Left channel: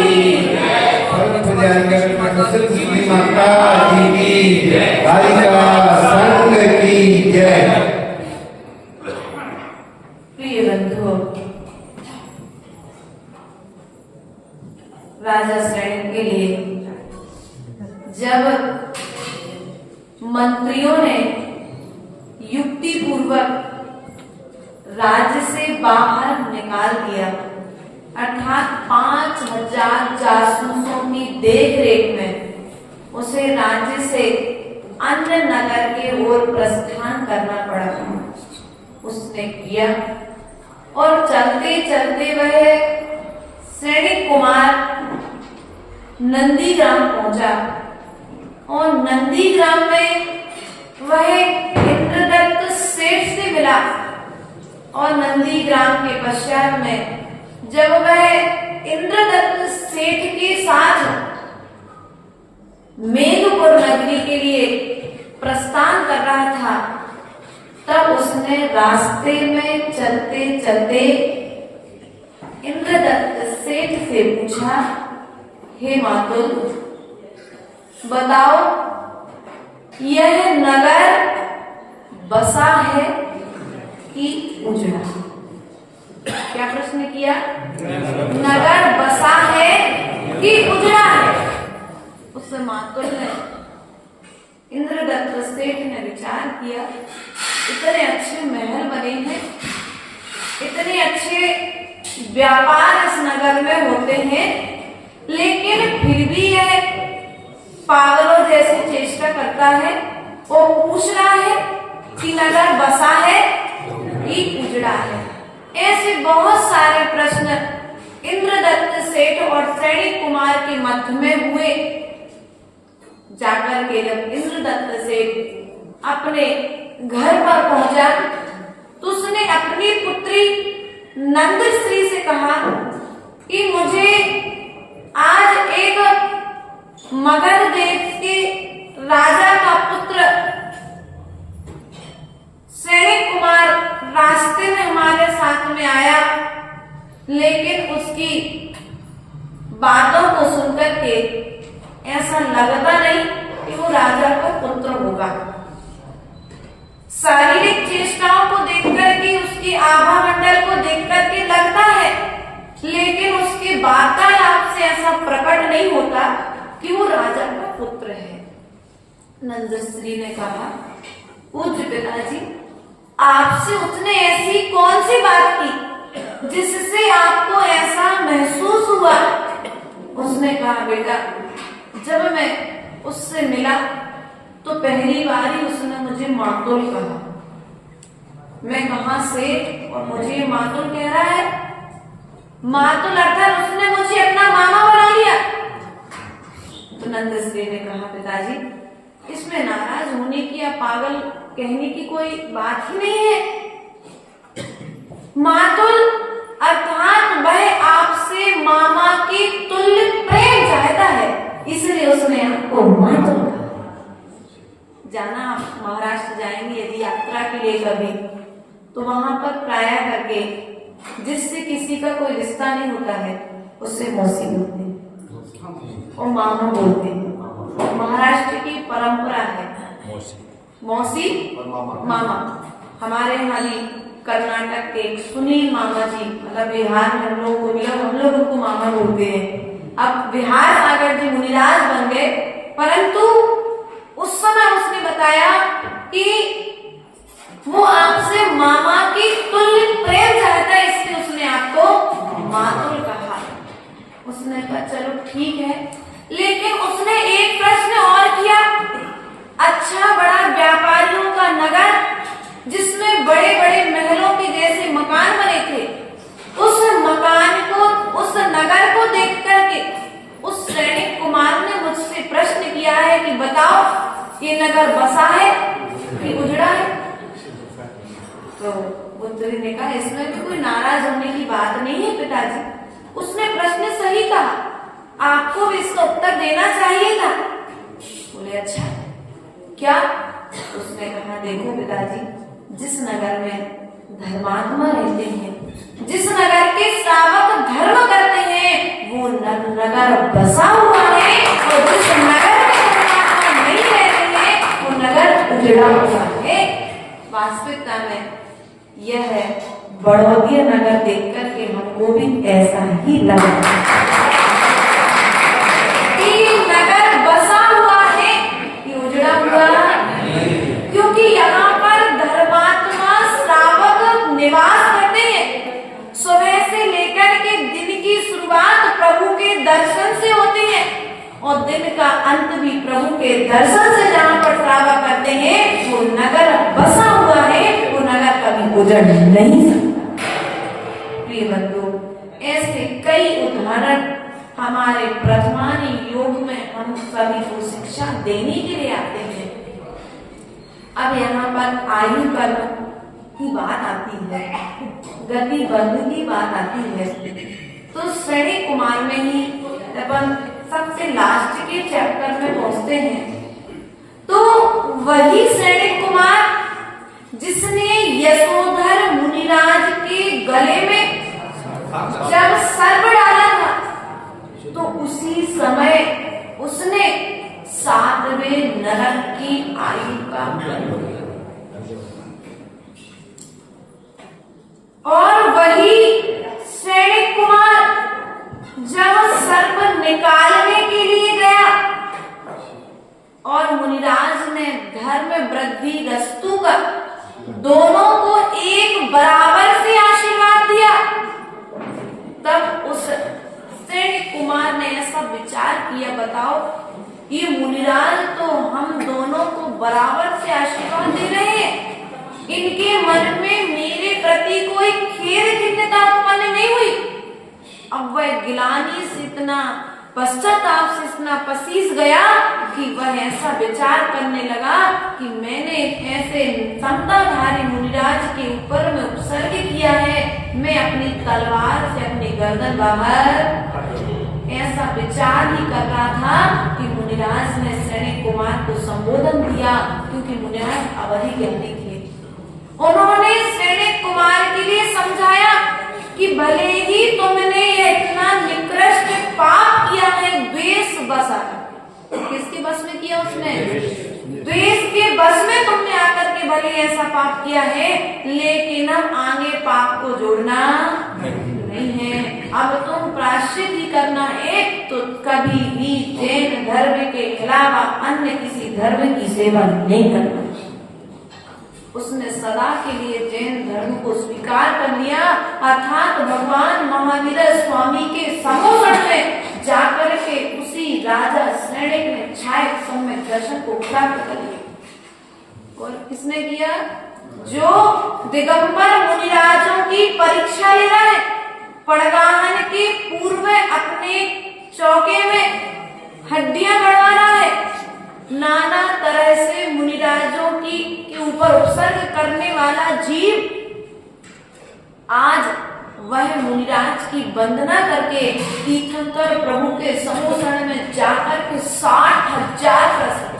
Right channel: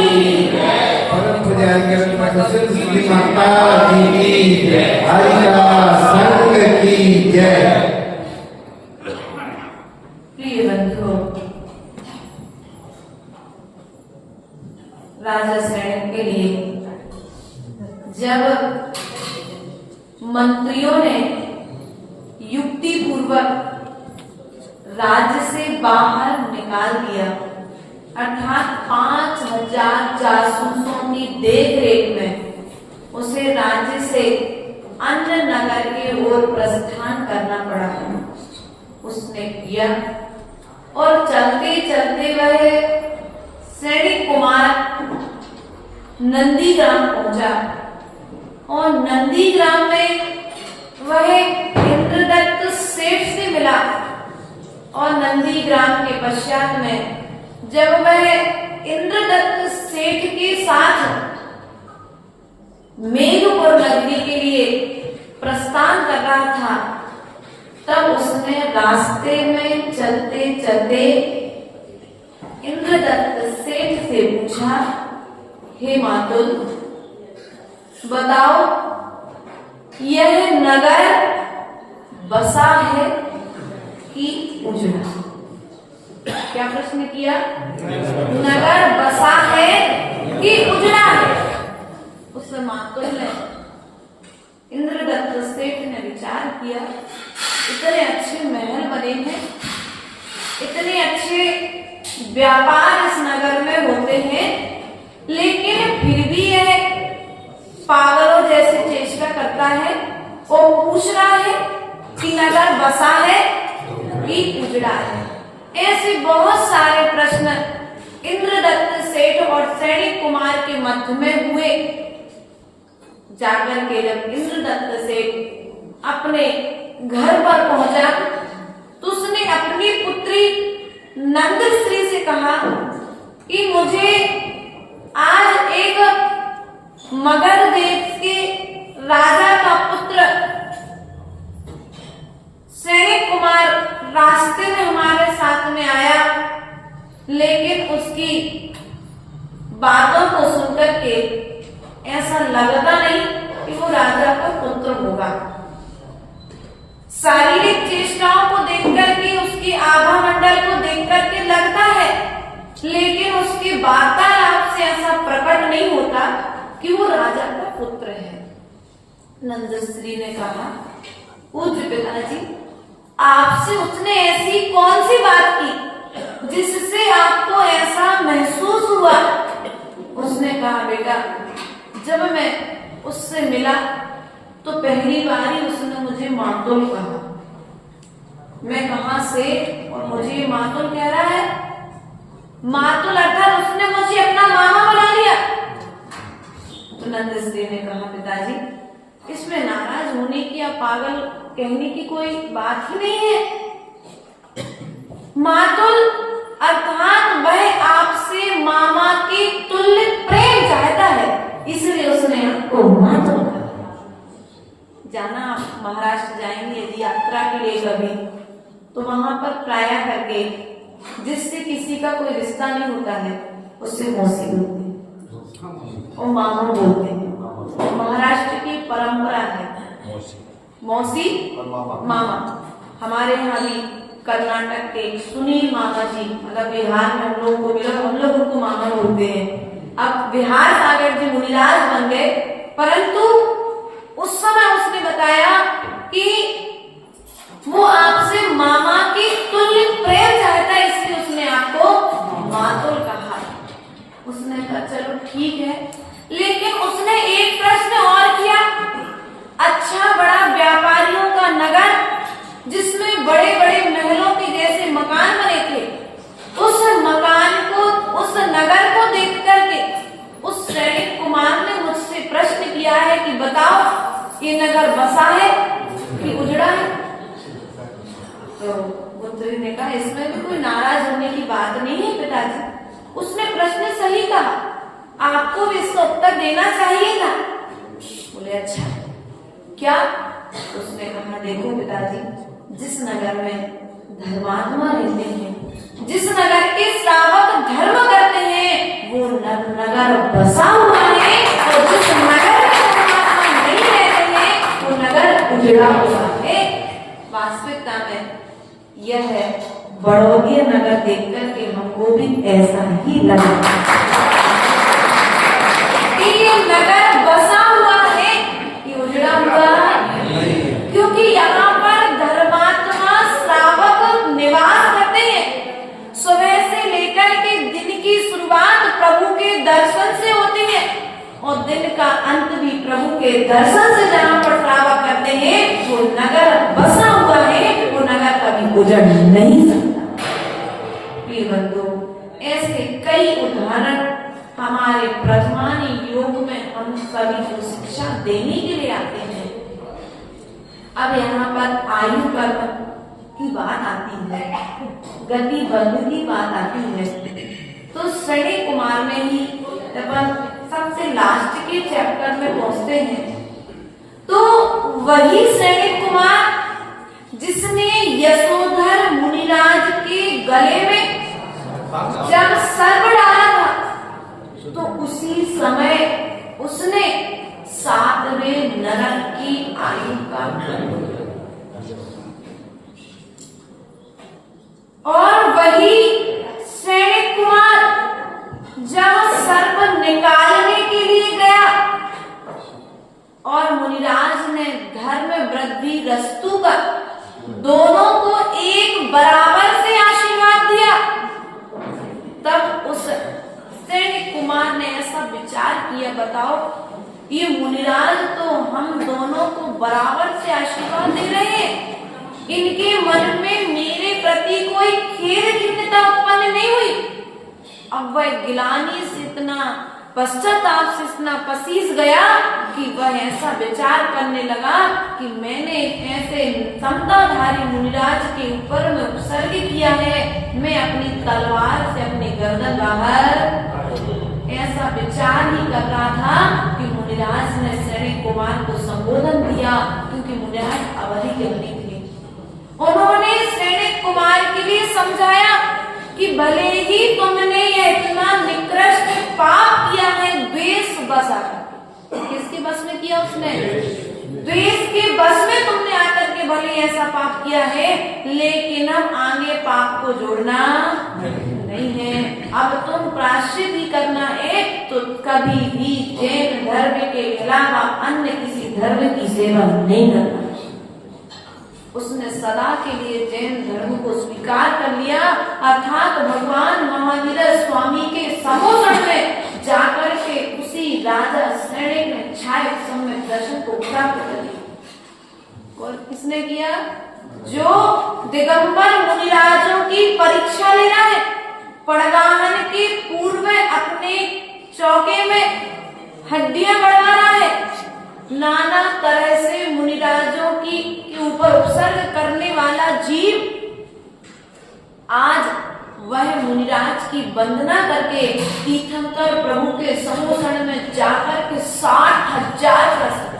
की जय। परम पूज्य माता जी की जय। कालिका संघ की जय। प्रिय बंधुओं, राजा सैनिक के लिए जब मंत्रियों ने युक्ति पूर्वक राज्य से बाहर निकाल दिया, अर्थात 5000 जासूसों की देखरेख में उसे राज्य से अन्य नगर के ओर प्रस्थान करना पड़ा, उसने किया और चलते चलते वह सैनिक कुमार नंदीग्राम पहुंचा और नंदीग्राम में वह इंद्रदत्त सेठ से मिला और नंदीग्राम के पश्चात में जब वह इंद्रदत्त सेठ के साथ मेघपुर नगरी के लिए प्रस्थान कर रहा था, तब उसने रास्ते में चलते चलते इंद्रदत्त सेठ से पूछा, हे मातुल, बताओ यह नगर बसा है कि उजड़ा? क्या प्रश्न किया? नगर बसा है कि उजड़ा है? उस मातुल ने, इंद्रदत्त सेठ ने विचार किया, इतने अच्छे महल बने हैं, इतने अच्छे व्यापार इस नगर में होते हैं, लेकिन फिर भी यह पागलों जैसी चेष्टा करता है और पूछ रहा है कि नगर बसा है कि उजड़ा है। ऐसे बहुत सारे प्रश्न इंद्रदत्त सेठ और सैनिक कुमार के मध्य में हुए। जाकर के जब इंद्रदत्त सेठ अपने घर पर पहुंचा तो उसने अपनी पुत्री नंदश्री से कहा कि मुझे आज एक मगध देश के राजा का पुत्र सैनिक कुमार रास्ते में हमारे साथ में आया, लेकिन उसकी बातों को सुनकर के ऐसा लगता नहीं कि वो राजा का पुत्र होगा। शारीरिक चेष्टाओं को देखकर के, उसकी आभा मंडल को देखकर के लगता है, लेकिन उसके वार्तालाप से ऐसा प्रकट नहीं होता कि वो राजा का पुत्र है। नंदश्री ने कहा, पूज्य पिताजी, आपसे उसने ऐसी कौन सी बात की जिससे आपको ऐसा महसूस हुआ? उसने कहा, बेटा, जब मैं उससे मिला तो पहली बार ही उसने मुझे मातुल कहा। मैं कहां से और मुझे मातुल कह रहा है? मातुल अर्थात उसने मुझे अपना मामा बना लिया। तो नंदश्री ने कहा, पिताजी, इसमें नाराज होने की या पागल कहने की कोई बात ही नहीं है। मातुल अर्थात वह आपसे मामा की तुल्य प्रेम चाहता है, इसलिए उसने आपको मातुल कहा। जाना, आप महाराष्ट्र जाएंगे यदि यात्रा के लिए कभी, तो वहां पर प्राय करके जिससे किसी का कोई रिश्ता नहीं होता है उसे मौसी बोलते हैं और मामा बोलते हैं। महाराष्ट्र की परंपरा है मौसी मामा। हमारे यहाँ भी कर्नाटक के सुनील मामा जी, मतलब बिहार में हम लोग को मिला, हम लोग उनको मामा बोलते हैं। अब बिहार सागर जी मुनिराज बन गए, परंतु उस समय उसने बताया कि वो आपसे मामा की तुल्य प्रेम चाहता है, इसलिए उसने आपको मातुल कहा। उसने कहा, चलो ठीक है, लेकिन उसने एक प्रश्न और किया। अच्छा बड़ा व्यापारियों का नगर जिसमें बड़े बड़े महलों के जैसे मकान बने थे, उस मकान को, उस नगर को देख करके उस सैनिक कुमार ने मुझसे प्रश्न किया है कि बताओ ये नगर बसा है कि उजड़ा है? तो पुत्री ने कहा, इसमें भी कोई नाराज होने की बात नहीं है पिताजी, उसने प्रश्न सही कहा, आपको भी इसका उत्तर देना चाहिए था। बोले, अच्छा क्या? उसने कहा, देखो पिताजी, जिस नगर में धर्मात्मा रहते हैं, जिस नगर के श्रावक धर्म करते हैं, वो नगर नगर बसा हुआ है और जिस नगर में परमात्मा नहीं रहते हैं वो नगर उजड़ा हुआ है। वास्तविकता में यह है बड़ौदिया नगर देख करके हमको भी ऐसा ही लगा कि ये नगर बसा हुआ है कि उजड़ा हुआ, क्योंकि यहाँ पर धर्मात्मा श्रावक निवास करते हैं। सुबह से लेकर के दिन की शुरुआत प्रभु के दर्शन से होती है और दिन का अंत भी प्रभु के दर्शन से जहाँ पर श्रावक करते हैं वो नगर बसा हुआ है, वो नगर कभी उजड़ नहीं सकता। प्रिय बंधु, ऐसे कई उदाहरण हमारे ब्रह्मानी योग में हम सभी को शिक्षा देने के लिए आते हैं। अब यहाँ पर आयु कर्म की बात आती है, गति बंध की बात आती है, तो श्रेणी कुमार में ही अपन सबसे लास्ट के चैप्टर में पहुंचते हैं। तो वही श्रेणी कुमार जिसने यशोधर मुनिराज के गले में जब सर्प डाला था तो उसी समय उसने 7वें नरक की आयु का बंध, और वही श्रेणी कुमार जब सर्प निकालने के लिए गया और मुनिराज ने धर्म वृद्धि रस्तु कर दोनों को एक बराबर से आशीर्वाद दिया, तब उस श्रेणी कुमार ने ऐसा विचार किया, बताओ ये मुनिराज तो हम दोनों को बराबर से आशीर्वाद दे रहे हैं, इनके मन में मेरे प्रति कोई खेद खिन्नता उत्पन्न नहीं हुई। अब वह गिलानी से इतना पश्चाताप से इतना पसीज गया कि वह ऐसा विचार करने लगा कि मैंने ऐसे समताधारी मुनिराज के ऊपर में उपसर्ग किया है, मैं अपनी तलवार से अपनी गर्दन बाहर, ऐसा विचार ही कर रहा था कि मुनिराज ने श्रेणी कुमार को संबोधन दिया, क्योंकि मुनिराज अवधि ज्ञानी थे। उन्होंने श्रेणी कुमार के लिए समझाया कि भले ही तुमने ये इतना निकृष्ट पाप किया है द्वेष बस आकर, किसके बस में किया उसने? द्वेष के बस में तुमने आकर के भले ऐसा पाप किया है, लेकिन अब आगे पाप को जोड़ना नहीं है। अब तुम प्रायश्चित ही करना है, तो कभी भी जैन धर्म के अलावा अन्य किसी धर्म की सेवा नहीं करना। उसने सदा के लिए जैन धर्म को स्वीकार कर लिया, अर्थात भगवान महावीर स्वामी के समोषण में जाकर के उसी राजा श्रेणी ने छाया समय दर्शन को प्राप्त कर लिया। और किसने किया? जो दिगंबर मुनिराजों की परीक्षा ले रहा है, पड़गाहन के पूर्व अपने चौके में हड्डियां गड़वा रहा है, नाना तरह से मुनिराजों की के ऊपर उपसर्ग करने वाला जीव, आज वह मुनिराज की वंदना करके तीर्थंकर प्रभु के समोषण में जाकर के 60,000 प्रश्न,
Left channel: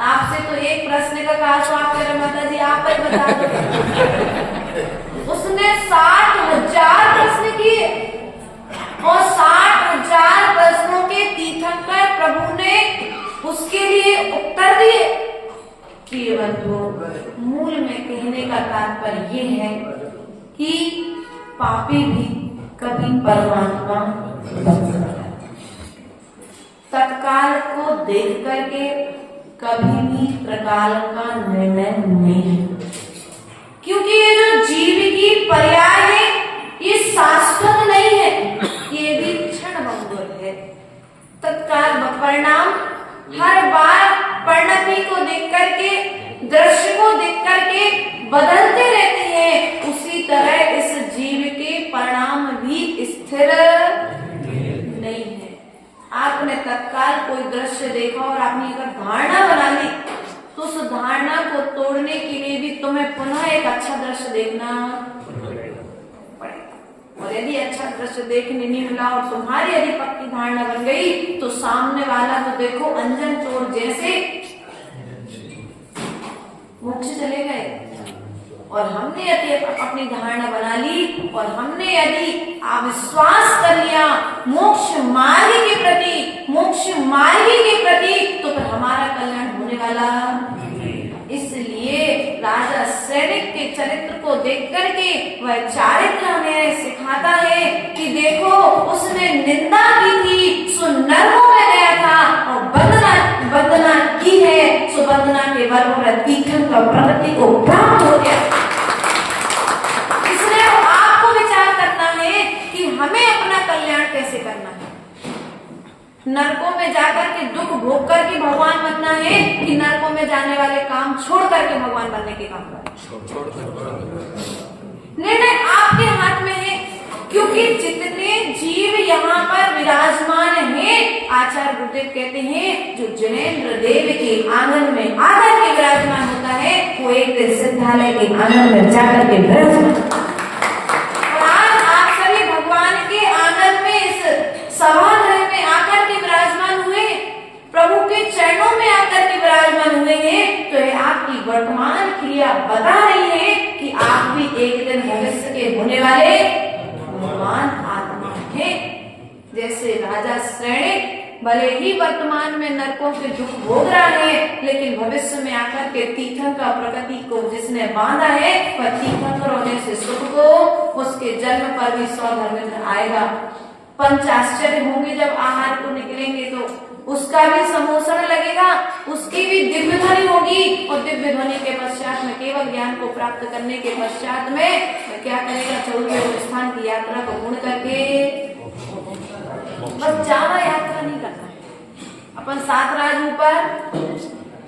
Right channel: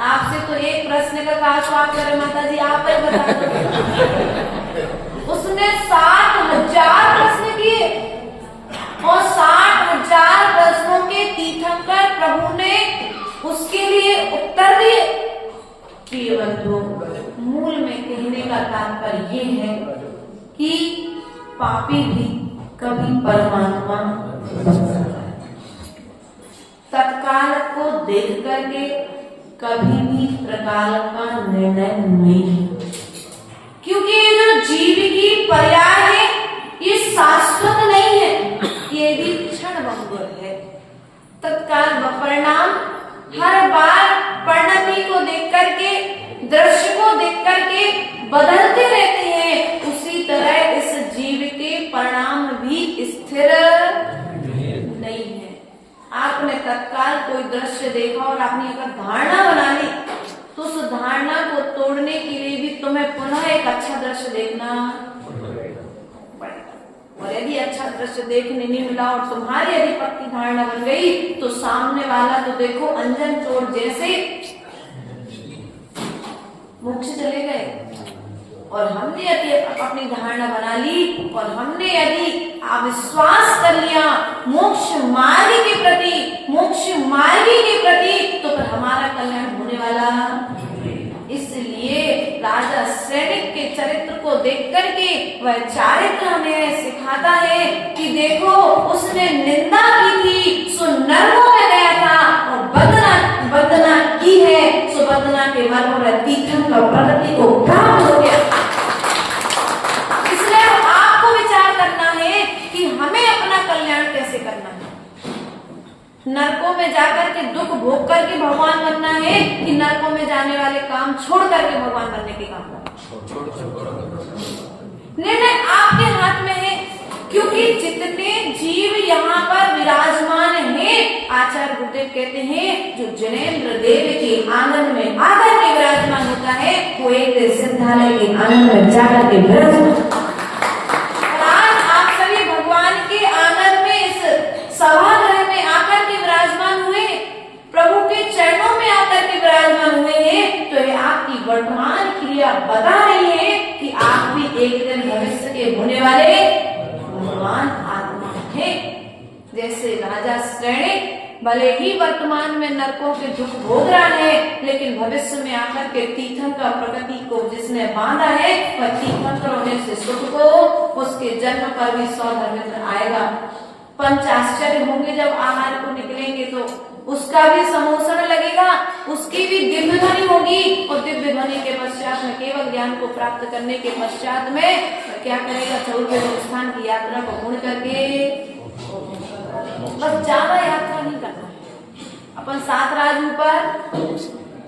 आपसे तो एक प्रश्न का कहा तो आप कह रहे माता जी आप ही बता दो। उसने 60,000 प्रश्न किए और 60,000 प्रश्नों के तीर्थंकर प्रभु ने उसके लिए उत्तर दिए। प्रिय बंधु, मूल में कहने का तात्पर्य ये है कि पापी भी कभी परमात्मा बन सकता है। तत्काल को देख करके कभी भी त्रिकाल का निर्णय नहीं, क्योंकि ये जो जीव की पर्याय है ये शाश्वत नहीं है, ये भी क्षणभंगुर है। तत्काल परिणाम हर बार परिणति को देख करके, दृश्य को देख करके बदलते रहते हैं, उसी तरह इस जीव के परिणाम भी स्थिर नहीं है। आपने तत्काल कोई दृश्य देखा और आपने अगर धारणा बना ली, तो उस धारणा को तोड़ने के लिए भी तुम्हें पुनः एक अच्छा दृश्य देखना पड़ेगा। और यदि अच्छा दृश्य देखने नहीं मिला और तुम्हारी यदि पक्की धारणा बन गई, तो सामने वाला तो देखो अंजन तोड़ जैसे मोक्ष चले गए और हमने यदि अपनी धारणा बना ली और हमने यदि अविश्वास कर लिया मोक्ष मार्ग के प्रति तो फिर हमारा कल्याण होने वाला। इसलिए राजा सैनिक के चरित्र को देख करके वह चारित्र हमें सिखाता है कि देखो उसने निंदा की थी सो नरकों में गया था और वंदना की है सो वंदना के वर्ग और तीर्थन का प्रगति को प्राप्त हो गया। इसलिए आपको विचार करना है कि हमें अपना कल्याण कैसे करना है। नरकों में जाकर के दुख भोग करके भगवान बनना है कि नरकों में जाने वाले काम छोड़ करके भगवान बनने के काम करना। निर्णय आपके हाथ में है, क्योंकि जितने जीव यहाँ पर विराजमान हैं, आचार्य गुरुदेव कहते हैं जो जिनेंद्र देव के आंगन में आकर के विराजमान होता है वो एक दिन सिद्धालय के आंगन में जाकर के विराजमान। आज आप सभी भगवान के आंगन में इस सभागृह में आकर के विराजमान हुए, प्रभु के चरणों में आकर के विराजमान हुए हैं, तो ये आपकी वर्तमान क्रिया बता रही है कि आप भी एक दिन भविष्य के होने वाले महान आत्मा हैं। जैसे राजा सैनिक भले ही वर्तमान में नरकों के दुख भोग रहा है, लेकिन भविष्य में आकर के तीर्थंकर प्रकृति को जिसने बांधा है वह तीर्थंकर होने से सुख को उसके जन्म पर भी 100 धर्मेंद्र आएगा। पंचाश्चर्य होंगे जब आहार को निकलेंगे तो उसका भी समोषण लगेगा, उसकी भी दिव्य ध्वनि होगी और दिव्य ध्वनि के पश्चात में केवल ज्ञान को प्राप्त करने के पश्चात में क्या करेगा, 14वें स्थान की यात्रा को पूर्ण करके बस ज्यादा यात्रा नहीं करना है। अपन 7 राज ऊपर,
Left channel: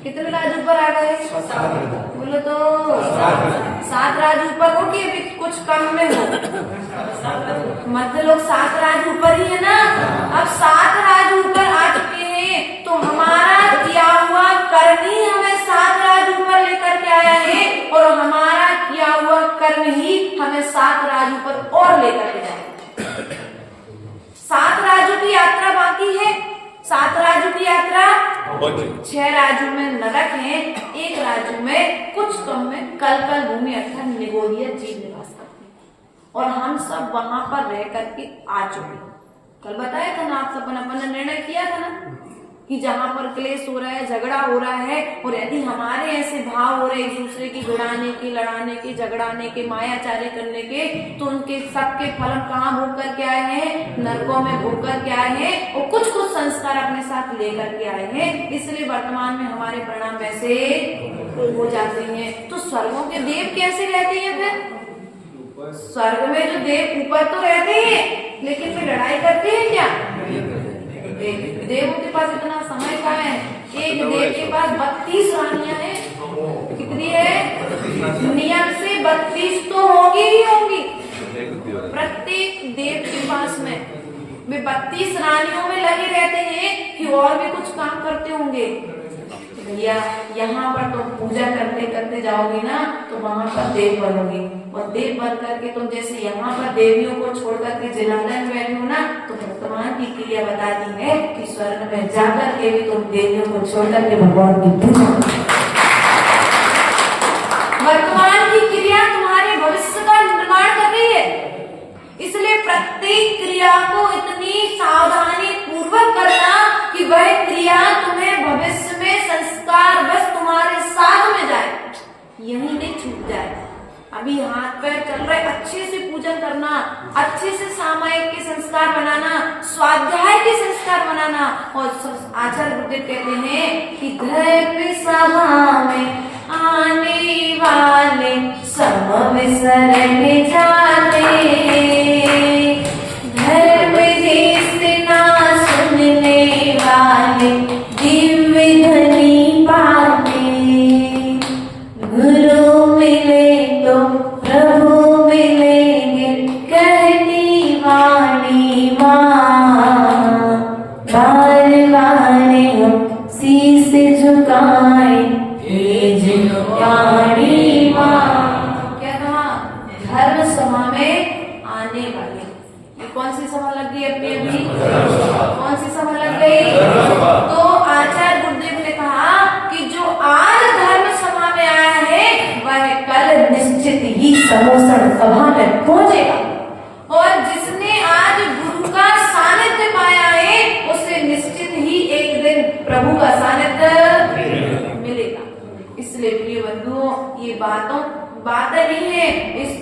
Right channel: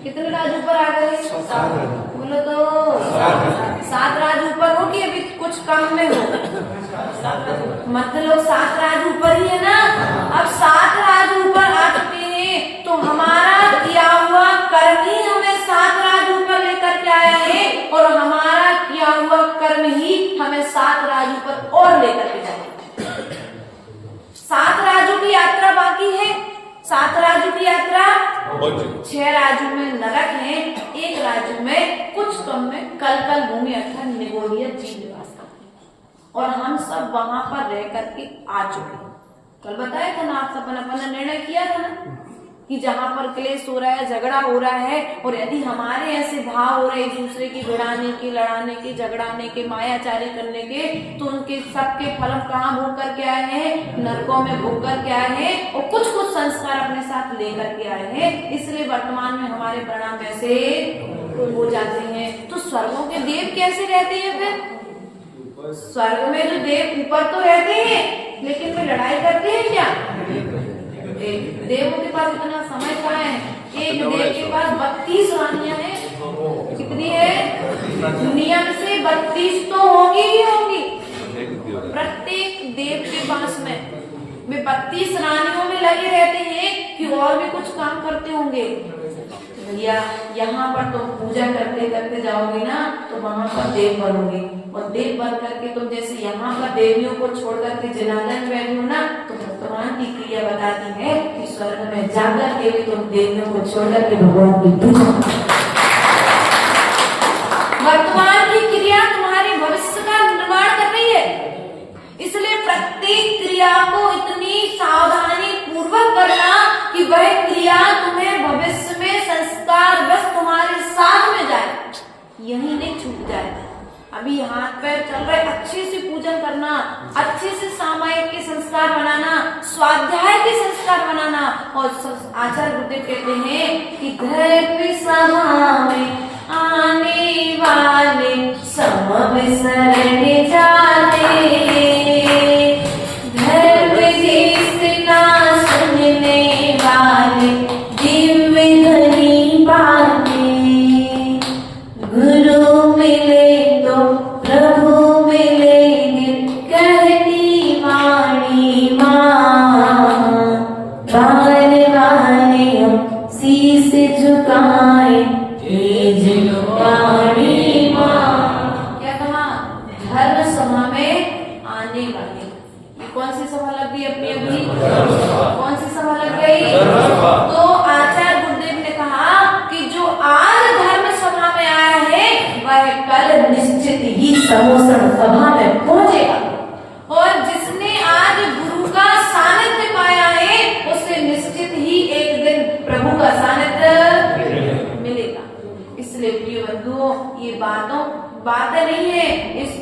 कितने राज ऊपर आ गए बोलो तो 7 राज ऊपर हो कि अभी कुछ कम में हो, मतलब लोग 7 राज ऊपर ही है ना। अब 7 राज ऊपर आ चुके हैं तो हमारा किया हुआ कर्म ही हमें 7 राज ऊपर लेकर के आया है और हमारा किया हुआ कर्म ही हमें 7 राज ऊपर और लेकर के जाएगा। 7 राजों की यात्रा बाकी है। 7 राजू की यात्रा, 6 राजू में नरक है, 1 राजू में कुछ कम में कल भूमि अर्थात निगोड़िया जीव निवास करते हैं और हम सब वहां पर रह करके आ चुके। कल बताया था ना आप सब, अपन ने निर्णय किया था ना कि जहां पर क्लेश हो रहा है, झगड़ा हो रहा है और यदि हमारे ऐसे भाव हो रहे एक दूसरे की भिड़ाने के, लड़ाने के, झगड़ाने के, मायाचारी करने के, तो उनके सबके फल कहाँ भोग करके आए हैं, नरकों में भोग करके आए हैं और कुछ संस्कार अपने साथ लेकर के आए हैं। इसलिए वर्तमान में हमारे परिणाम वैसे हो जाते हैं। तो स्वर्गों के देव कैसे रहते हैं फिर? स्वर्ग में जो देव ऊपर तो रहते हैं लेकिन वे लड़ाई करते हैं क्या? देवों के पास इतना समय कहाँ है? एक देव के पास 32 रानियां हैं। कितनी है? नियम से 32 तो होंगी ही होंगी प्रत्येक देव के पास में। वे 32 रानियों में लगे रहते हैं कि और भी कुछ काम करते होंगे। भैया यहाँ पर तुम पूजा करते करते जाओगे ना तो वहां पर देव बनोगे और देव बन करके तुम जैसे यहाँ पर देवियों को छोड़ करके जनार्दन बैठे हो ना, तो वर्तमान की क्रिया बताती है कि स्वर्ग में जाकर के भी तुम देवियों को छोड़ करके भगवान की पूजा। वर्तमान की क्रिया तुम्हारे भविष्य का निर्माण कर रही है। इसलिए प्रत्येक क्रिया को इतनी सावधानी पूर्वक करना कि वह क्रिया तुम्हें भविष्य में संस्कार बस तुम्हारे साथ में जाए, यही नहीं छूट जाए। अभी हाथ पैर चल रहे, अच्छे से पूजन करना, अच्छे से सामायिक के संस्कार बनाना, स्वाध्याय के संस्कार बनाना। और आचार्य गुरुदेव कहते हैं कि धर्म सभा में आने वाले सब विसरण जाते, धर्म देशना सुनने वाले दिव्य ध्वनि पाते, गुरु मिले तो प्रभु मिलेंगे कहती वाणी माँ, बार बार हम शीश झुकाए वाणी माँ। क्या कहा? धर्म सभा में आने वाले समोसण सभा में पहुंचेगा। और जिसने आज गुरु का सानिध्य पाया है उसे निश्चित ही एक दिन प्रभु का सानिध्य मिलेगा। इसलिए प्रिय बंधुओं, ये बातें नहीं है,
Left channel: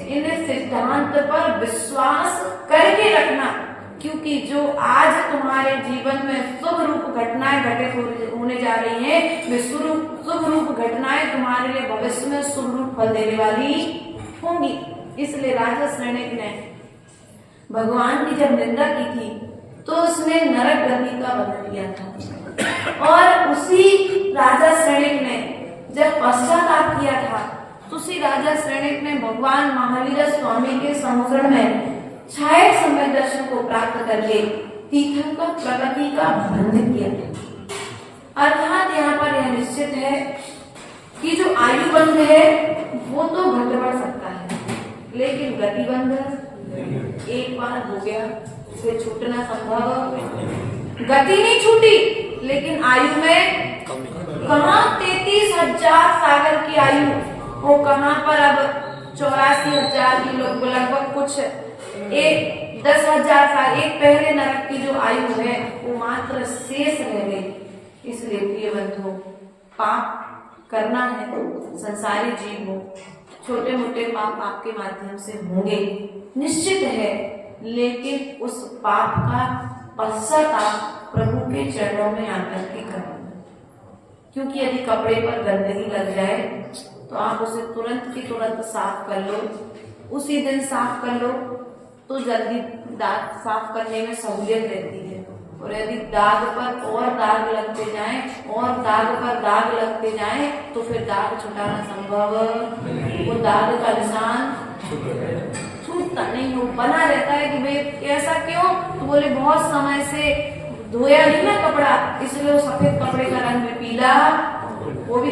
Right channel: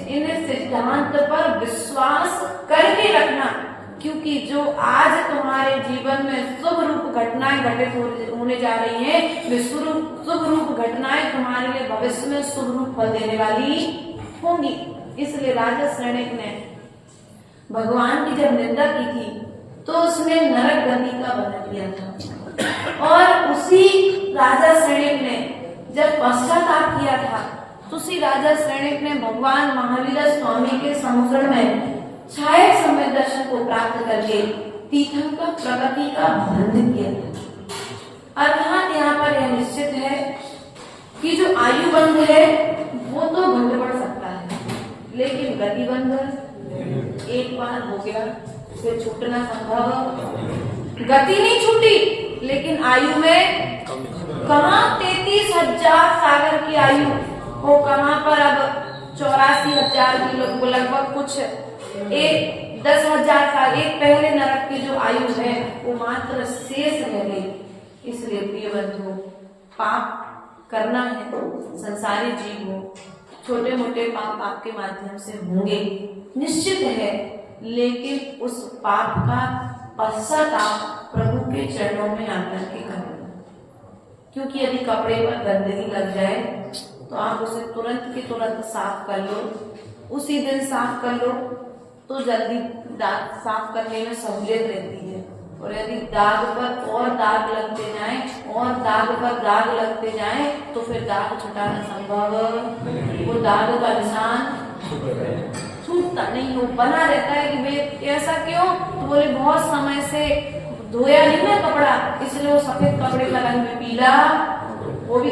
इन सिद्धांत पर विश्वास करके रखना, क्योंकि जो आज तुम्हारे जीवन में शुभ रूप घटनाएं घटित होने जा रही हैं, वे शुभ रूप घटनाएं तुम्हारे लिए भविष्य में शुभ रूप फल देने वाली होंगी। इसलिए राजा श्रेणिक ने भगवान की जब निंदा की थी तो उसने नरक गति का वर्णन किया था, और उसी राजा श्रेणिक ने जब पश्चाताप किया था तो उसी राजा श्रेणिक ने भगवान महावीर स्वामी के समोसण में छाया समय दर्शन को प्राप्त करके तीर्थंकर प्रगति का बंधन किया। अर्थात यहाँ पर यह निश्चित है कि जो आयु बंध है वो तो घट बढ़ सकता है, लेकिन गति बंध एक बार हो गया फिर छूटना संभव। गति नहीं छूटी, लेकिन आयु में कहाँ 33,000 सागर की आयु, वो कहाँ पर अब 84,000 की लगभग कुछ 10,000 साल एक पहले नरक की जो आयु है वो मात्र शेष रह गई। इसलिए प्रिय बंधु, पाप करना है तो संसारी जीव हो, छोटे मोटे पाप आपके माध्यम से होंगे निश्चित है, लेकिन उस पाप का पश्चाताप प्रभु के चरणों में आकर के करें। क्योंकि यदि कपड़े पर गंदगी लग जाए तो आप उसे तुरंत की तुरंत साफ कर लो, उसी दिन साफ कर लो तो जल्दी दाग साफ करने में सहूलियत रहती है। और यदि दाग पर और दाग लगते जाएं और दाग पर दाग लगते जाएं तो फिर दाग छुटाना संभव, वो दाग का निशान छूटता नहीं, वो बना रहता है कि भाई ऐसा क्यों, तो बोले बहुत समय से धोया नहीं ना कपड़ा, इसलिए वो सफेद कपड़े का रंग में पीला, वो भी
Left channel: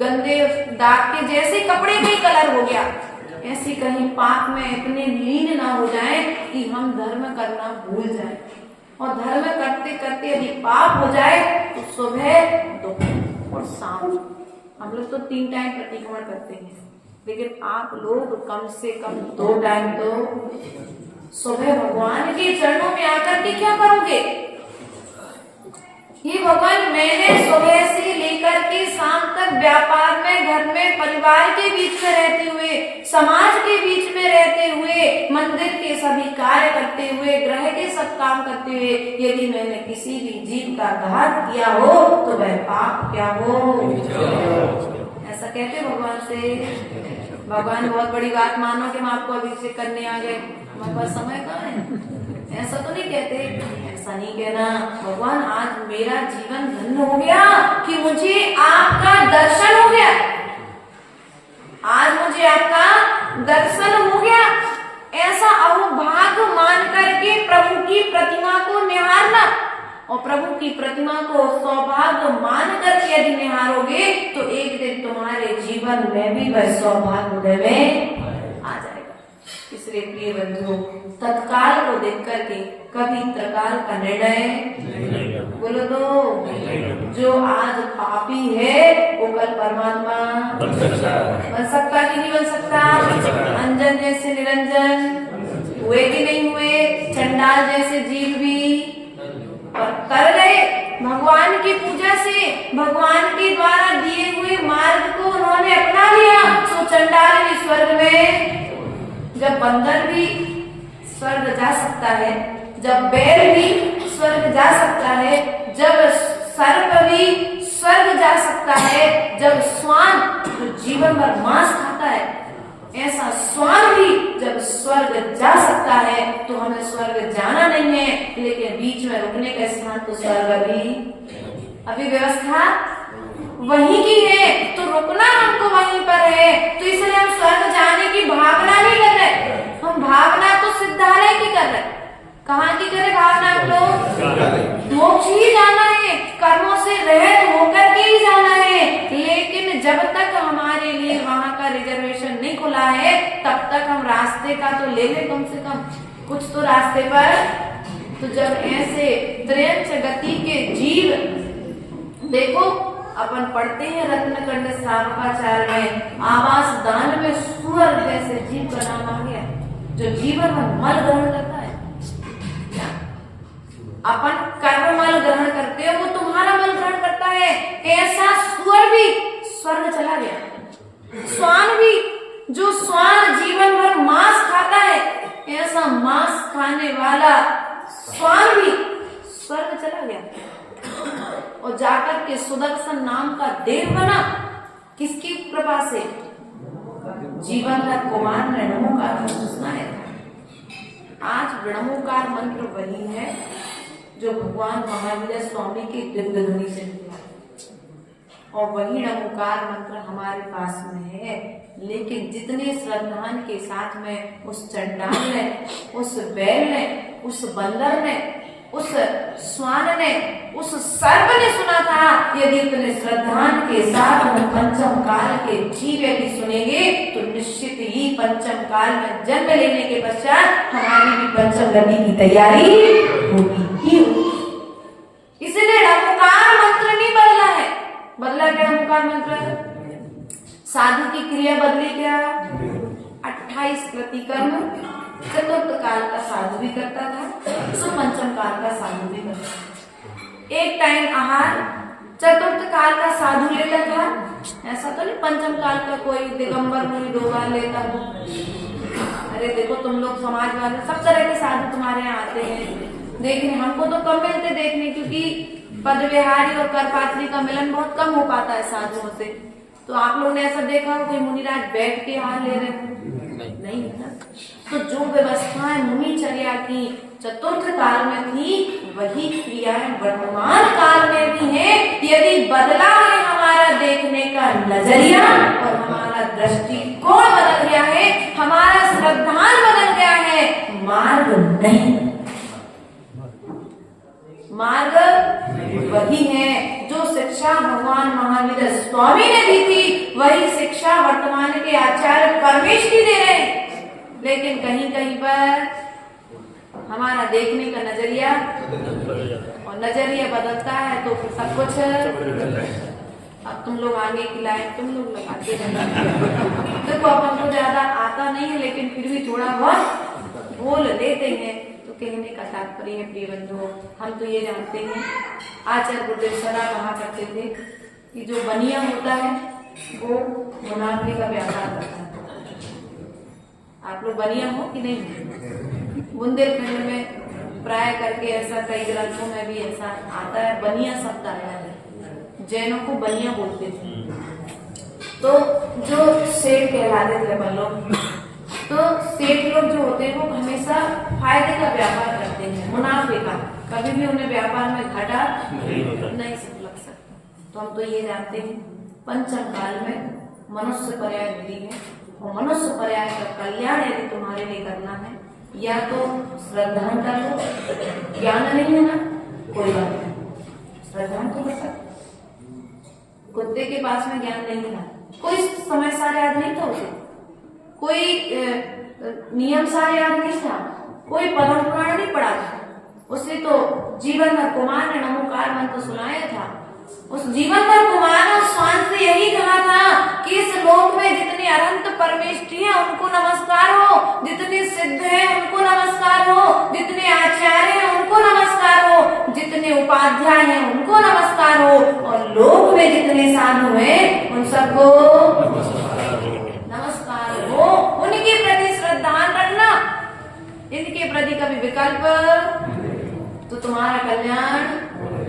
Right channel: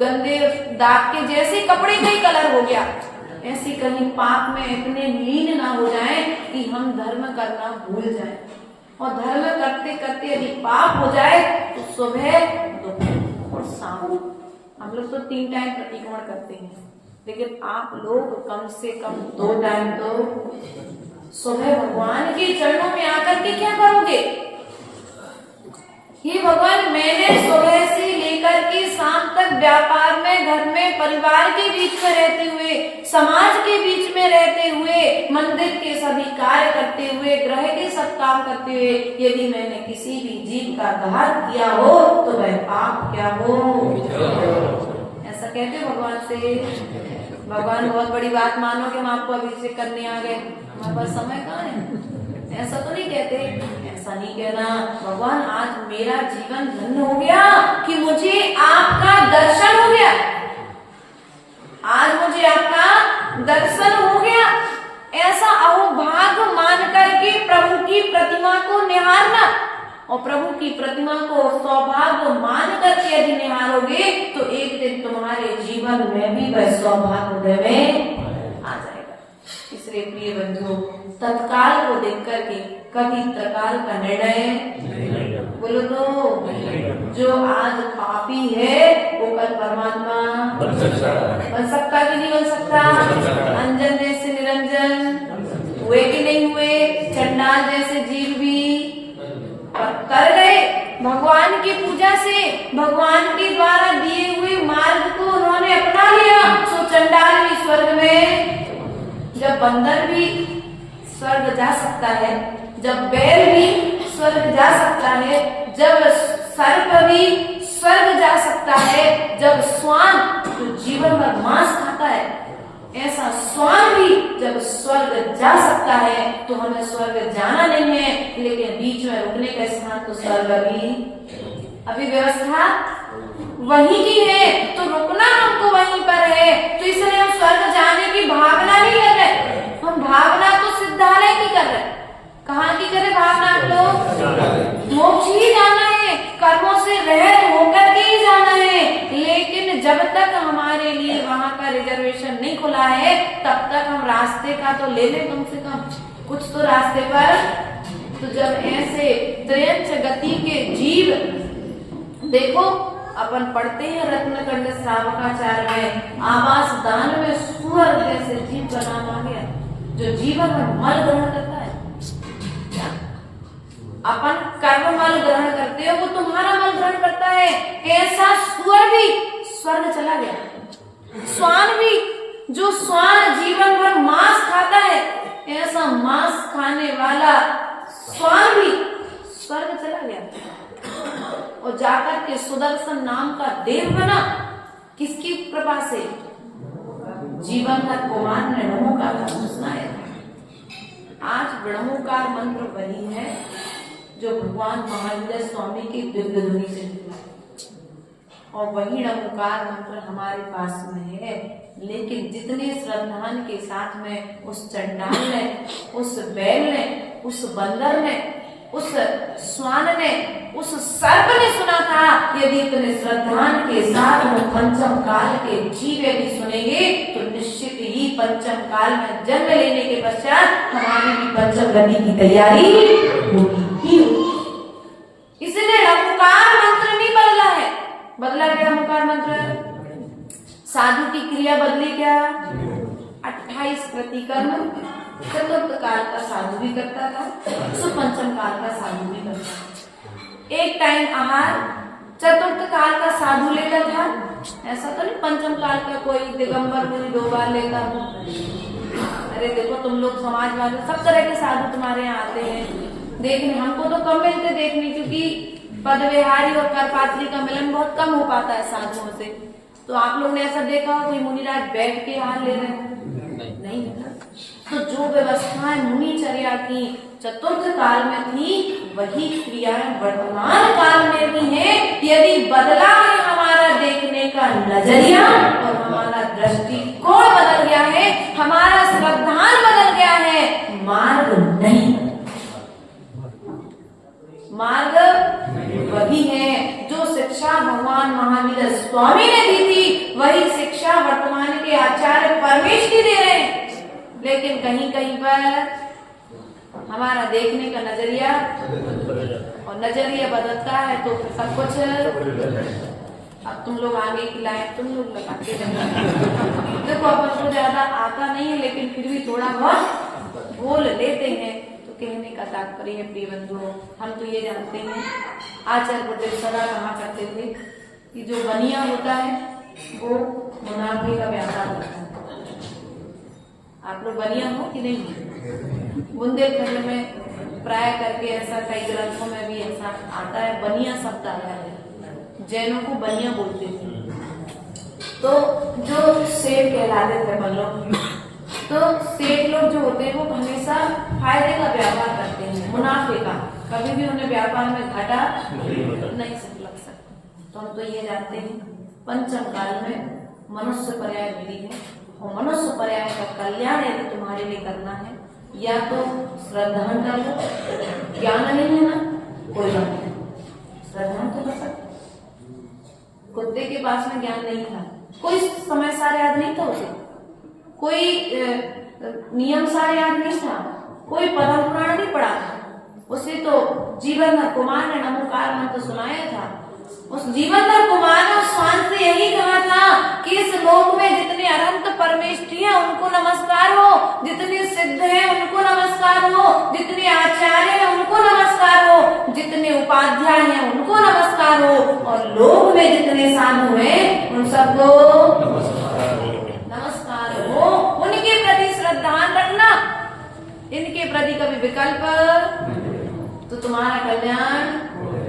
गंदे दाग के जैसे कपड़े का ही कलर हो गया। ऐसी कहीं पाप में इतने लीन ना हो जाएं कि हम धर्म करना भूल जाएं, और धर्म करते करते यदि पाप हो जाए तो सुबह दोपहर और शाम हम लोग तो 3 टाइम प्रतिक्रमण करते हैं, लेकिन आप लोग कम से कम 2 टाइम तो सुबह भगवान के चरणों में आकर के क्या करोगे? ये भगवान, मैंने सुबह से लेकर के शाम तक व्यापार में, घर में, परिवार के बीच में रहते हुए, समाज के बीच में रहते हुए, मंदिर के सभी कार्य करते हुए, ग्रह के सब काम करते हुए, यदि मैंने किसी भी जीव का घात किया हो तो वह पाप क्या हो? ऐसा कहते भगवान से। भगवान बहुत बड़ी बात मानो कि हम आपको अभिषेक करने आ गए, हमारे पास समय कहाँ है, ऐसा तो नहीं कहते। ऐसा नहीं कहना, भगवान आज मेरा जीवन धन्य हो गया कि मुझे आपका दर्शन हो गया, आज मुझे आपका दर्शन हो गया, ऐसा अहोभाग्य मान करके प्रभु की प्रतिमा को निहारना। और प्रभु की प्रतिमा को सौभाग्य मान करके यदि निहारोगे तो एक दिन तुम्हारे जीवन में भी वह सौभाग्य उदय में आ जाएगा। इसलिए प्रिय बंधु, तत्काल को देख करके कभी त्रिकाल का निर्णय बोलो तो, जो आज पापी है वो कल परमात्मा बन सकता कि नहीं बन सकता? अंजन जैसे निरंजन हुए कि नहीं हुए? चंडाल जैसे जीव भी कर गए भगवान की पूजा से, भगवान के द्वारा दिए हुए मार्ग को उन्होंने अपना लिया, तो चंडाल भी स्वर्ग में, जब बंदर भी स्वर्ग जा सकता है, जब बैल भी स्वर्ग जा सकता है, जब सर्प भी स्वर्ग जा सकता है, जब श्वान जो जीवन भर मांस खाता है, ऐसा श्वान भी जब स्वर्ग जा सकता है, तो हमें स्वर्ग जाना नहीं है, लेकिन बीच में रुकने का स्थान तो स्वर्ग अभी व्यवस्था वहीं की है, तो रुकना हमको वहीं पर है। तो इसलिए हम स्वर्ग जाने की भावना नहीं कर रहे, हम भावना तो सिद्धालय की कर रहे। कहाँ की करे भावना? हम लोग मोक्ष ही जाना है, कर्मों से रहित होकर के ही जाना है, लेकिन जब तक हमारे लिए वहाँ का रिजर्वेशन नहीं खुला है तब तक हम रास्ते का तो ले लें कम से कम कुछ तो रास्ते पर। तो जब ऐसे त्रयंच गति के जीव देखो, अपन पढ़ते हैं रत्नकंड श्रावकाचार्य में, आवास दान में सुअर जैसे जीव का नाम आ गया, जो जीवन में मल ग्रहण करता है। क्या अपन कर्म मल ग्रहण करते हो, वो तुम्हारा मल ग्रहण करता है। ऐसा सुअर भी स्वर्ग चला गया। श्वान भी, जो श्वान जीवन भर मांस खाता है, ऐसा मांस खाने वाला श्वान भी स्वर्ग चला गया और जाकर के सुदर्शन नाम का देव बना। किसकी कृपा से? जीवनधर कुमार ने नमोकार मंत्र सुनाया था। आज नमोकार मंत्र वही है जो भगवान महावीर स्वामी की दिव्य ध्वनि से निकला और वही नमोकार मंत्र हमारे पास में है। लेकिन जितने श्रद्धान के साथ में उस चंडाल ने, उस बैल ने, उस बंदर ने, उस श्वान ने, उस सर्प ने सुना था, यदि इतने श्रद्धान के साथ में पंचम काल के जीव यदि सुनेंगे तो निश्चित ही पंचम काल में जन्म लेने के पश्चात हमारी भी पंचम गति की तैयारी होगी ही होगी। इसलिए नमोकार मंत्र नहीं बदला है। बदला क्या नमोकार मंत्र? साधु की क्रिया बदली क्या? 28 प्रतिकर्म चतुर्थ काल का साधु भी करता था, सुपंचम काल का साधु भी करता था। एक टाइम आहार चतुर्थ काल का साधु लेता था, ऐसा तो नहीं पंचम काल का कोई दिगंबर मुनि 2 बार लेता हो। अरे देखो तुम लोग समाज वाले सब तरह के साधु तुम्हारे यहाँ आते हैं देखने, हमको तो कम मिलते देखने, क्योंकि पद विहारी और करपात्री का मिलन बहुत कम हो पाता है साधुओं से। तो आप लोगों ने ऐसा देखा हो कोई मुनिराज बैठ के हाथ ले रहे हो? नहीं है ना। तो जो व्यवस्थाएं मुनिचर्या की चतुर्थ काल में थी, वही क्रियाएं वर्तमान काल में भी है। यदि बदला है हमारा देखने का नजरिया और हमारा दृष्टिकोण बदल गया है, हमारा श्रद्धान बदल गया है, मार्ग नहीं। मार्ग वही है जो शिक्षा भगवान महावीर स्वामी ने दी थी, वही शिक्षा वर्तमान के आचार्य परमेश की दे रहे हैं। लेकिन कहीं कहीं पर हमारा देखने का नजरिया और नजरिया बदलता है तो फिर सब कुछ। अब तुम लोग आगे की लाइन तुम लोग लगाते रहना। देखो अपन को ज्यादा आता नहीं है, लेकिन फिर भी थोड़ा बहुत बोल लेते हैं। तो कहने का तात्पर्य है प्रिय बंधुओं, हम तो ये जानते हैं आचार्य गुरुदेव सदा कहा करते थे कि जो बनिया होता है वो मुनाफे का व्यापार करता है। आप लोग बनिया हो कि नहीं? बुंदेलखंड में प्राय करके ऐसा कई ग्रंथों में भी ऐसा आता है, बनिया शब्द आया है। जैनों को बनिया बोलते थे। तो जो सेठ कहलाते थे अपन लोग, तो सेठ लोग जो होते हैं वो हमेशा फायदे का व्यापार करते हैं, मुनाफे का। कभी भी उन्हें व्यापार में घाटा नहीं लग सकता। तो हम तो ये जानते हैं पंचम काल में मनुष्य पर्याय मिली है, और मनुष्य पर्याय का कल्याण यदि तुम्हारे लिए करना है, या तो श्रद्धान कर लो। ज्ञान नहीं है ना, कोई बात नहीं, श्रद्धान तो कर सकते। कुत्ते के पास में ज्ञान नहीं था, कोई समय सारे याद नहीं था उसे, कोई नियम सारे याद नहीं था, कोई पद्म पुराण नहीं पढ़ा था। उसे तो जीवनधर कुमार ने नमोकार मंत्र सुनाया था। उस जीवनधर कुमार ने उस श्वान से यही कहा था कि इस लोक में जितने अनंत परमेष्ठी हैं उनको नमस्कार हो, जितने सिद्ध हैं उनको नमस्कार हो, जितने आचार्य हैं उनको नमस्कार हो, जितने उपाध्याय हैं उनको नमस्कार हो, और लोक में जितने साधु हैं उन सबको नमस्कार हो। उनके प्रति श्रद्धान रखना, इनके प्रति कभी विकल्प तो तुम्हारा कल्याण।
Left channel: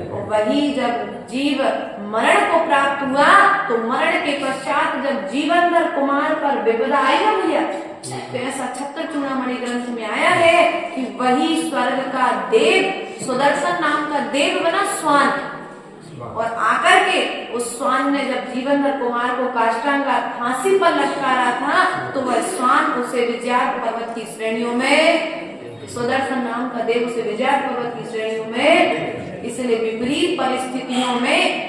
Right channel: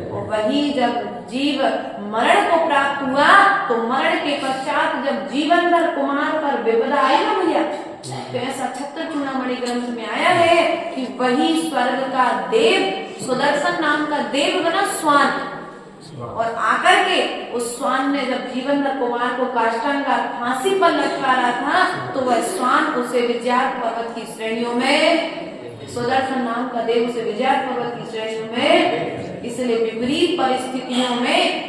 और वही जब जीव मरण को प्राप्त हुआ तो मरण के पश्चात जब जीवनधर कुमार पर विपदा आई ना भैया, तो ऐसा छत्र चूड़ामणि ग्रंथ में आया है कि वही स्वर्ग का देव सुदर्शन नाम का देव बना श्वान, और आकर के उस श्वान ने जब जीवनधर कुमार को काष्टांगा फांसी पर लटकारा था, तो वह श्वान उसे विजयार्थ पर्वत की श्रेणियों में, सुदर्शन नाम का देव उसे विजयार्थ पर्वत की श्रेणियों में, इसलिए विपरीत परिस्थितियों में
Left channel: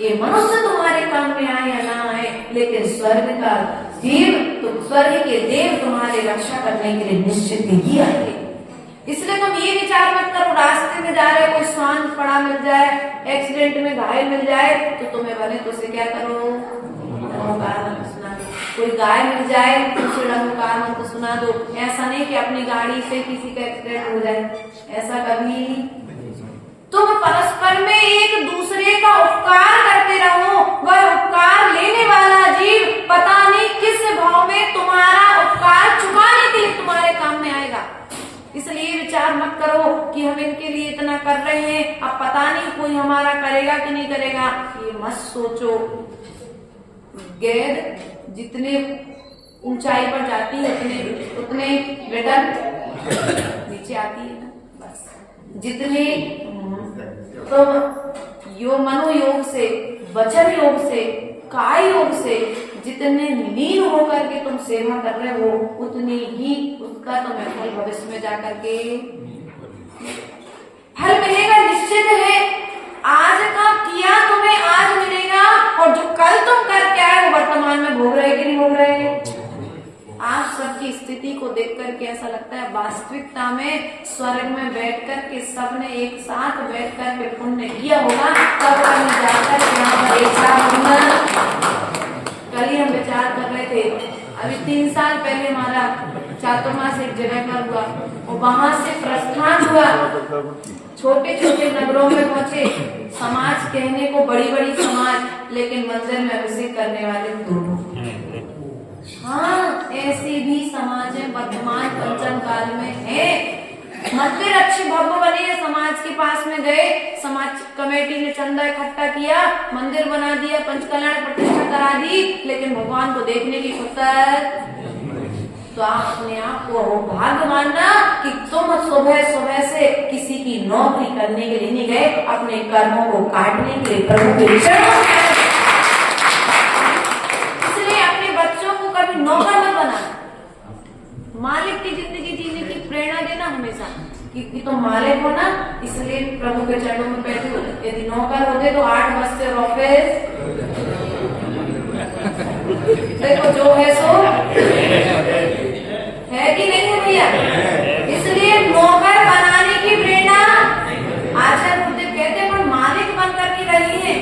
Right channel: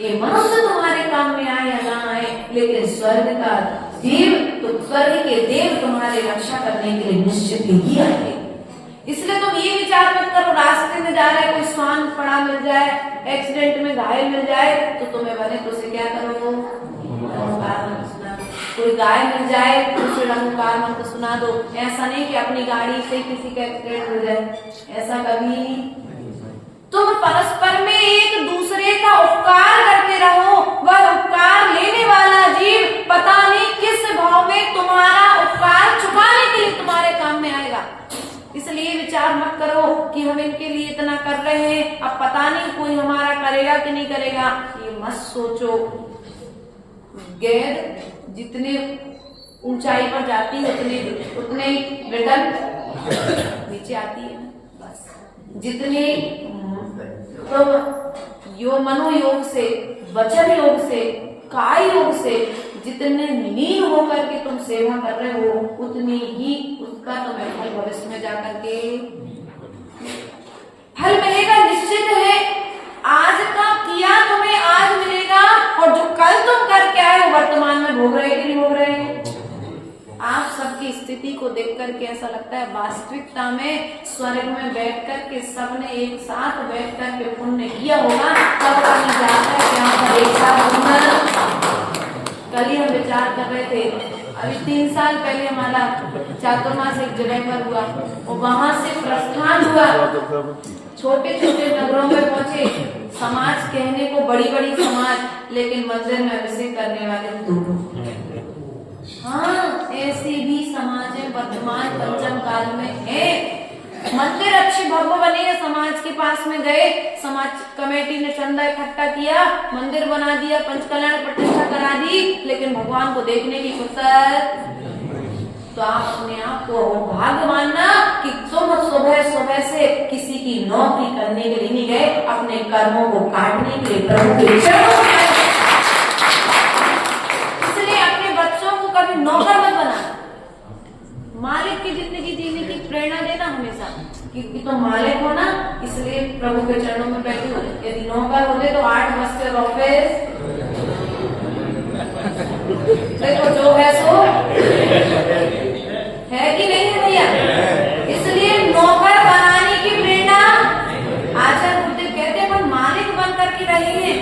ये मनुष्य तुम्हारे काम में आए या ना आए, लेकिन स्वर्ग का देव तो स्वर्ग के देव तुम्हारे रक्षा करने के लिए निश्चित ही आएंगे। इसलिए तुम ये विचार मत करो रास्ते में जा रहे कोई स्वान पड़ा मिल जाए, एक्सीडेंट में घायल मिल जाए तो तुम्हें बने तो उसे क्या करो, ओंकार मंत्र सुना दो। कोई गाय मिल जाए तो उसे ओंकार मंत्र सुना दो। ऐसा नहीं कि अपनी गाड़ी से किसी का एक्सीडेंट हो जाए, ऐसा कभी। तुम परस्पर में एक दूसरे का उपकार करते रहो। वह उपकार लेने वाला जीव पता नहीं किस भाव में तुम्हारा उपकार चुकाने के लिए तुम्हारे काम में आएगा। इसलिए विचार मत करो कि हम इनके लिए इतना कर रहे हैं, अब पता नहीं कोई हमारा करेगा कि नहीं करेगा, ये मत सोचो। गेंद जितने ऊंचाई पर जाती है उतने रिटर्न नीचे आती है ना, बस। जितने तो मनोयोग से, वचन योग से, काय योग से जितने लीन होकर के तुम सेवा कर रहे हो उतनी ही उसका तुम्हें फल भविष्य में जाकर के फल मिलेगा, निश्चित है। आज का किया तुम्हें आज मिलेगा, और जो कल तुम करके आए हो वर्तमान में भोग रहे कि नहीं भोग रहे। आज सबकी स्थिति को देख करके ऐसा लगता है वास्तविकता में स्वर्ग में बैठ कर के सबने एक साथ बैठ कर के पुण्य किया होगा, तब कहीं जाकर यहाँ पर एक साथ। कल ही हम विचार कर रहे थे, अभी 3 साल पहले हमारा चातुर्मास एक जगह पर हुआ और वहां से प्रस्थान हुआ। छोटे छोटे नगरों में पहुंचे, समाज कहने को बड़ी बड़ी समाज, लेकिन मंदिर में अभिषेक करने वाले हाँ ऐसे भी समाज है वर्तमान पंचम काल में है। मंदिर अच्छे भव्य बने, समाज के पास में गए, समाज कमेटी ने चंदा इकट्ठा किया, मंदिर बना दिया, पंचकल्याण प्रतिष्ठा करा दी, लेकिन भगवान को देखने की फुर्सत। तो आप अपने आप को भाग्य मानना कि तुम सुबह से किसी की नौकरी करने के लिए नहीं गए, अपने कर्मों को काटने के लिए प्रभु के विषय। कभी नौकर मत बना, मालिक की जिंदगी जीने की प्रेरणा देना हमेशा कि तुम मालिक हो ना, इसलिए प्रभु के चरणों में बैठे हो। यदि नौकर होते तो 8 बजते ऑफिस, देखो जो है सो है कि नहीं है भैया। इसलिए नौकर बनाने की प्रेरणा आचार्य गुरुदेव कहते हैं, पर मालिक बन करके रही है।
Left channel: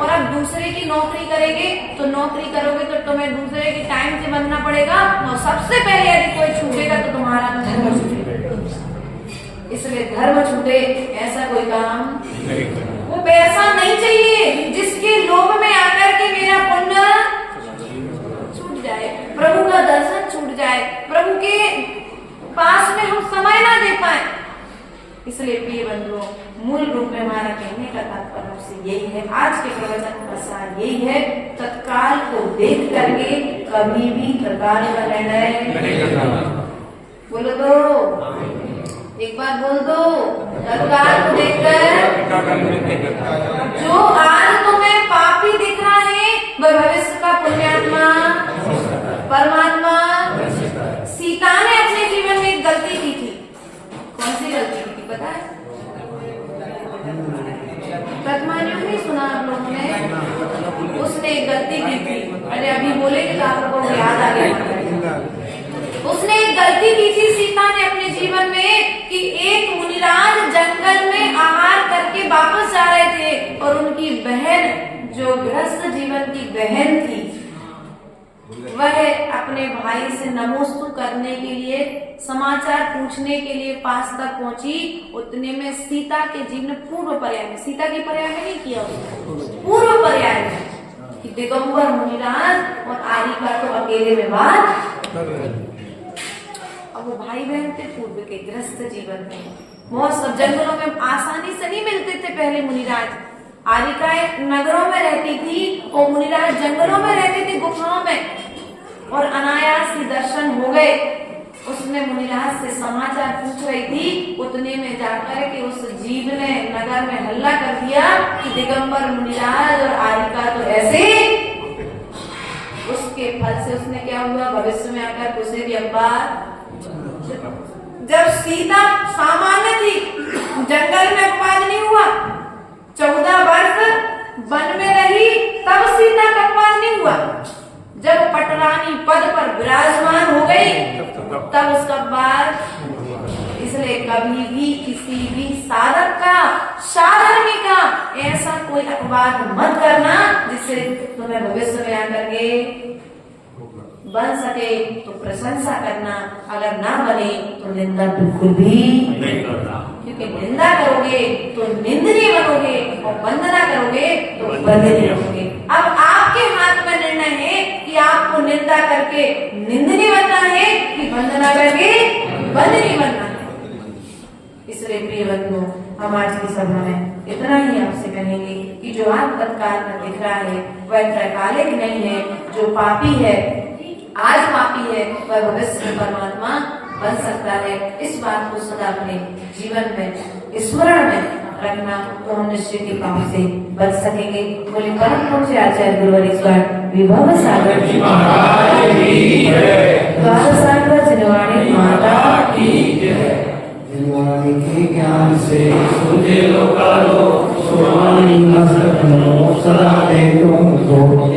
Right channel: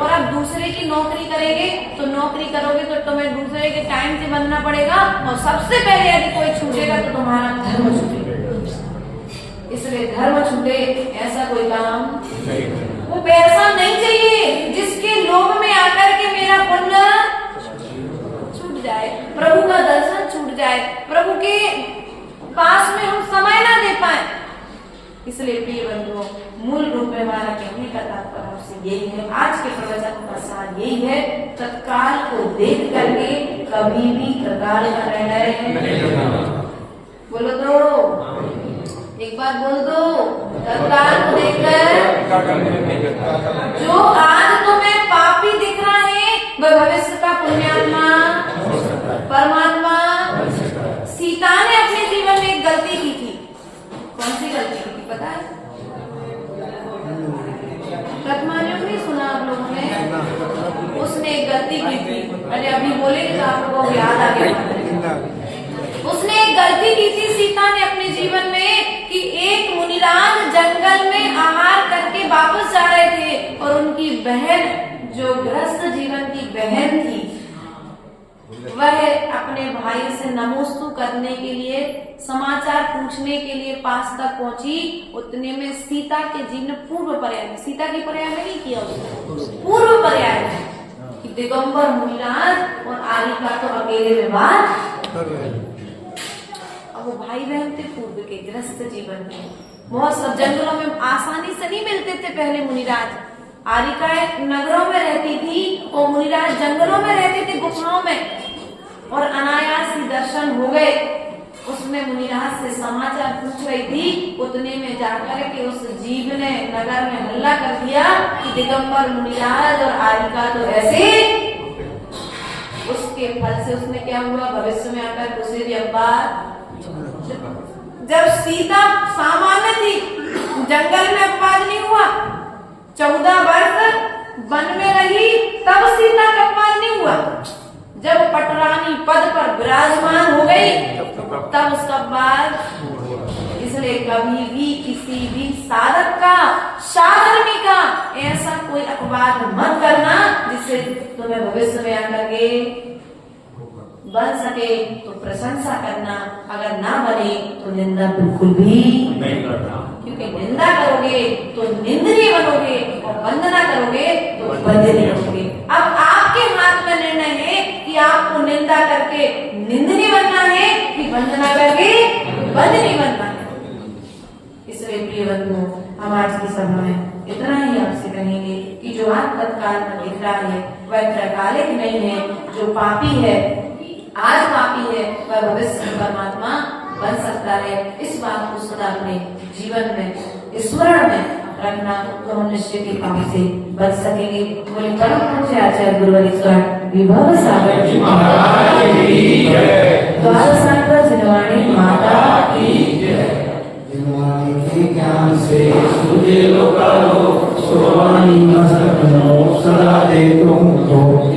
और अब दूसरे की नौकरी करेंगे तो नौकरी करोगे तो तुम्हें दूसरे के टाइम से बनना पड़ेगा, और सबसे पहले यदि कोई छूटेगा तो तुम्हारा धर्म छूटेगा। इसलिए धर्म छूटे ऐसा कोई काम, वो पैसा नहीं चाहिए जिसके लोभ में आकर के मेरा पुण्य छूट जाए, प्रभु का दर्शन छूट जाए, प्रभु के पास में हम समय ना दे पाए। इसलिए प्रिय बंधुओं, मूल रूप में हमारा कहने का तात्पर्य आपसे यही है, आज के प्रवचन का सार यही है, तत्काल को देख करके कभी भी तत्काल का निर्णय बोलो दो, एक बार बोल दो, तत्काल को देखकर। जो आज तुम्हें पापी दिख रहा है वह भविष्य का पुण्यात्मा परमात्मा। सीता ने अपने जीवन में एक गलती की थी। कौन सी गलती की थी पता है? तत्मानियों में सुना आप लोगों ने, उसने एक गलती की थी। अरे अभी बोलेंगे तो आप लोगों को याद आ गया। उसने एक गलती की थी सीता ने अपने जीवन में कि एक मुनिराज जंगल में आहार करके वापस जा रहे थे, और उनकी बहन जो गृहस्थ जीवन की बहन थी वह अपने भाई से नमोस्तु करने के लिए, समाचार पूछने के लिए पास तक पहुंची। उतने में सीता के जीवन पूर्व पर्याय में, सीता की पर्याय में नहीं किया, पूर्व पर्याय में कि दिगंबर मुनिराज और आरिका तो अकेले विवाद। अब वो भाई बहन थे पूर्व के गृहस्थ जीवन में, बहुत सब जंगलों में आसानी से नहीं मिलते थे पहले मुनिराज। आरिका नगरों में रहती थी और मुनिराज जंगलों में रहते थे, गुफाओं में, और अनायास ही दर्शन हो गए। उसने मुनिराज से समाचार पूछ रही थी, उतने में जाकर के उस जीव ने नगर में हल्ला कर दिया कि दिगंबर मुनिराज और आरिका तो ऐसे। उसके फल से उसने क्या हुआ, भविष्य में आकर कुशेरी अब्बा। जब सीता सामान्य थी, जंगल में अपवाद नहीं हुआ, 14 वर्ष वन में रही, तब सीता का अपवाद नहीं हुआ। जब पटरानी पद पर विराजमान हो गई तब उसका अपवाद। इसलिए इसलिए कभी भी किसी भी साधक का, साधर्मी का ऐसा कोई अपवाद मत करना जिससे तुम्हें भविष्य में आकर के बन सके तो प्रशंसा करना, अगर ना बने तो निंदा बिल्कुल भी नहीं करना। क्योंकि निंदा करोगे तो निंदनीय बनोगे और वंदना करोगे तो वंदनीय बनोगे। अब आपके हाथ में निर्णय है कि आपको निंदा करके निंदनीय बनना है कि वंदना करके वंदनीय बनना है। इसलिए प्रिय बंधुओं, हम आज की सभा में इतना ही आपसे कहेंगे कि जो आज तत्काल में दिख रहा है वह त्रैकालिक नहीं है। जो पापी है, आज पापी है, वह भविष्य में परमात्मा बन सकता है। इस बात को सदा अपने जीवन में स्मरण में रखना, तो हम निश्चित ही पाप से बच सकेंगे। बोले परम पूज्य आचार्य गुरुवर ईश्वर विभव सागर जी महाराज की जय। द्वादशांकर जिनवाणी माता की जय। जिनवाणी के ज्ञान से मुझे लो करो सोनाई मस्तक मोक्ष सदा दे तुमको।